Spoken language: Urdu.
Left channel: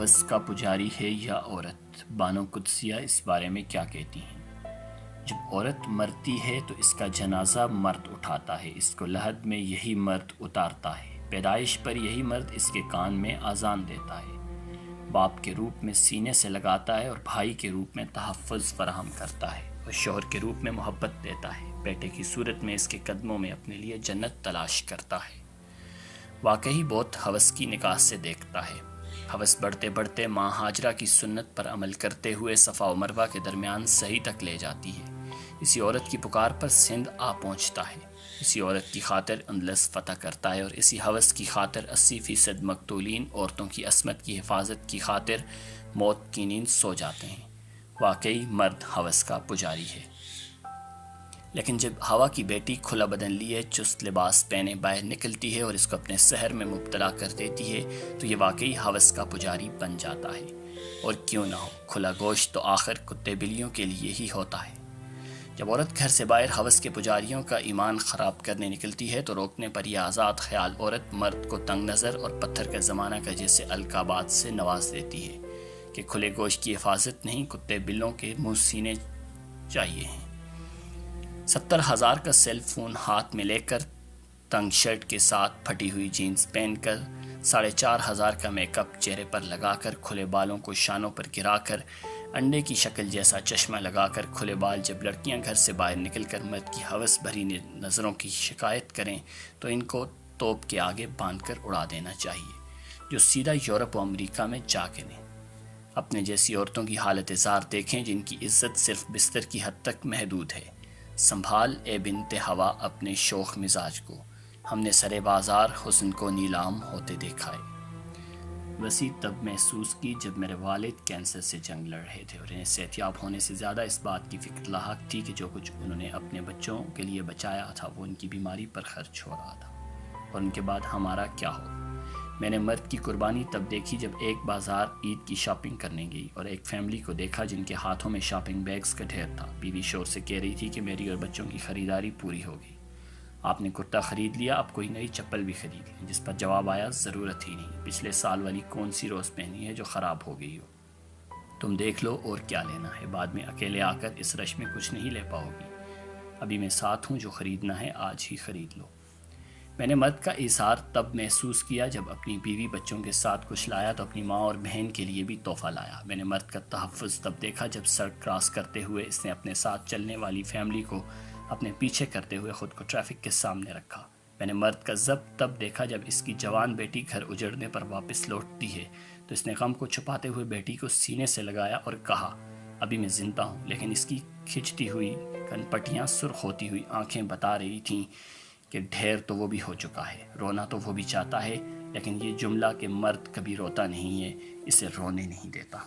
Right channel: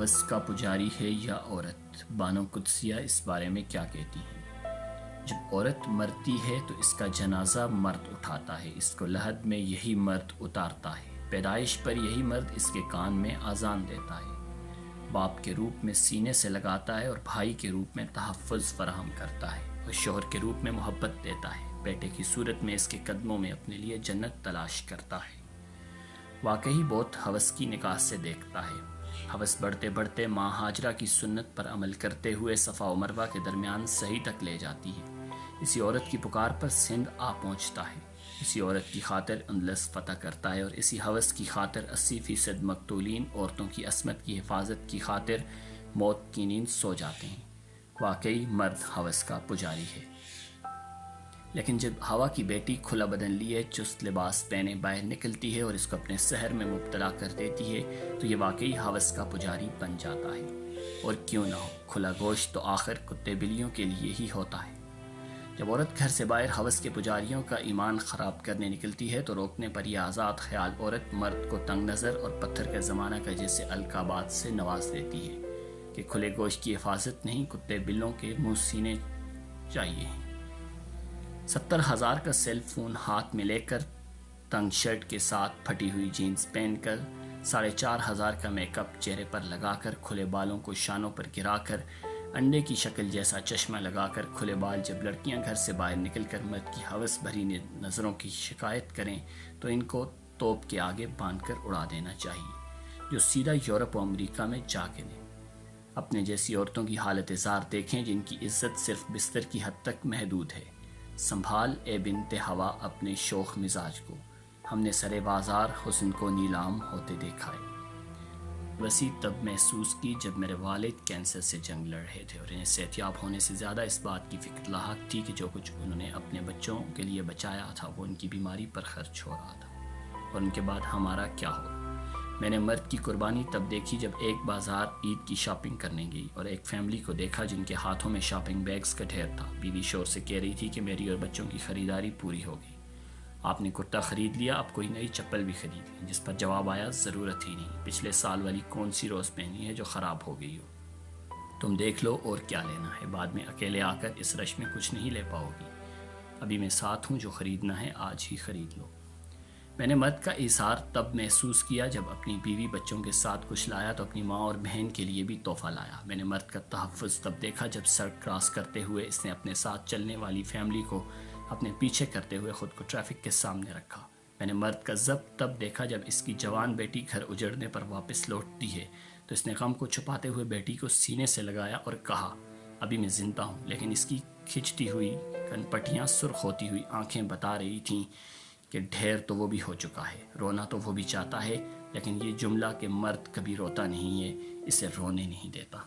ہوس کا پجاری ہے یا عورت؟ بانو قدسیہ اس بارے میں کیا کہتی ہیں؟ جب عورت مرتی ہے تو اس کا جنازہ مرد اٹھاتا ہے، اس کو لحد میں یہی مرد اتارتا ہے، پیدائش پر یہی مرد اس کے کان میں اذان دیتا ہے، باپ کے روپ میں سینے سے لگاتا ہے اور بھائی کے روپ میں تحفظ فراہم کرتا ہے اور شوہر کے روپ میں محبت دیتا ہے، بیٹے کی صورت میں اس کے قدموں میں اپنے لیے جنت تلاش کرتا ہے۔ واقعی بہت ہوس کی نگاہ سے دیکھتا ہے۔ ہوس بڑھتے بڑھتے ماں ہاجرہ کی سنت پر عمل کرتے ہوئے صفا و مروہ کے درمیان صحیح تک لے جاتی ہے۔ اسی عورت کی پکار پر سندھ آ پہنچتا ہے، اسی عورت کی خاطر اندلس فتح کرتا ہے اور اسی ہوس کی خاطر 80% مقتولین عورتوں کی عصمت کی حفاظت کی خاطر موت کی نیند سو جاتے ہیں۔ واقعی مرد ہوس کا پجاری ہے۔ لیکن جب ہوا کی بیٹی کھلا بدن لیے چست لباس پہنے باہر نکلتی ہے اور اس کو اپنے سحر میں مبتلا کر دیتی ہے تو یہ واقعی ہوس کا پجاری بن جاتا ہے۔ اور کیوں نہ ہو، کھلا گوشت تو آخر کتے بلیوں کے لیے ہی ہوتا ہے۔ جب عورت گھر سے باہر ہوس کے پجاریوں کا ایمان خراب کرنے نکلتی ہے تو روکنے پر یہ آزاد خیال عورت مرد کو تنگ نظر اور پتھر کا زمانہ کا جیسے القابات سے نواز دیتی ہے کہ کھلے گوشت کی حفاظت نہیں، کتے بلوں کے منہ سینے چاہیے ہیں۔ 70,000 کا سیل فون ہاتھ میں لے کر، تنگ شرٹ کے ساتھ پھٹی ہوئی جینز پہن کر، 4,500 کا میک اپ چہرے پر لگا کر، کھلے بالوں کو شانوں پر گرا کر، انڈے کی شکل جیسا چشمہ لگا کر کھلے بال جب لڑکیاں گھر سے باہر نکل کر مرد کی ہوس بھری نظروں کی شکایت کریں تو ان کو توپ کے آگے باندھ کر اڑا دینا چاہیے، جو سیدھا یورپ و امریکہ میں جا گریں۔ اپنے جیسی عورتوں کی حالت زار دیکھیں جن کی عزت صرف بستر کی حد تک محدود ہے۔ سنبھال اے بنت ہوا اپنے شوخ مزاج کو، ہم نے سرے بازار حسن کو نیلام ہوتے دیکھا ہے۔ وسیع تب محسوس کی جب میرے والد کینسر سے جنگ لڑ رہے تھے اور انہیں صحتیاب ہونے سے زیادہ اس بات کی فکر لاحق تھی کہ جو کچھ انہوں نے اپنے بچوں کے لیے بچایا تھا وہ ان کی بیماری پر خرچ ہو رہا تھا، اور ان کے بعد ہمارا کیا ہو۔ میں نے مرد کی قربانی تب دیکھی جب ایک بازار عید کی شاپنگ کرنے گئی اور ایک فیملی کو دیکھا جن کے ہاتھوں میں شاپنگ بیگز کا ڈھیر تھا۔ بیوی شور سے کہہ رہی تھی کہ میری اور بچوں کی خریداری پوری ہو گئی، آپ نے کرتا خرید لیا، اب کوئی نئی چپل بھی خرید لی، جس پر جواب آیا ضرورت ہی نہیں، پچھلے سال والی کون سی روز پہنی ہے جو خراب ہو گئی ہو، تم دیکھ لو اور کیا لینا ہے، بعد میں اکیلے آ کر اس رش میں کچھ نہیں لے پاؤ گی، ابھی میں ساتھ ہوں، جو خریدنا ہے آج ہی خرید لو۔ میں نے مرد کا اظہار تب محسوس کیا جب اپنی بیوی بچوں کے ساتھ کچھ لایا تو اپنی ماں اور بہن کے لیے بھی تحفہ لایا۔ میں نے مرد کا تحفظ تب دیکھا جب سڑک کراس کرتے ہوئے اس نے اپنے ساتھ چلنے والی فیملی کو اپنے پیچھے کرتے ہوئے خود کو ٹریفک کے سامنے رکھا۔ میں نے مرد کا ضبط تب دیکھا جب اس کی جوان بیٹی گھر اجڑنے پر واپس لوٹتی ہے تو اس نے غم کو چھپاتے ہوئے بیٹی کو سینے سے لگایا اور کہا، ابھی میں زندہ ہوں، لیکن اس کی کھچتی ہوئی کنپٹیاں سرخ ہوتی ہوئی آنکھیں بتا رہی تھیں کہ ڈھیر تو وہ بھی ہو چکا ہے، رونا تو وہ بھی چاہتا ہے، لیکن یہ جملہ کہ مرد کبھی روتا نہیں ہے اسے رونے نہیں دیتا۔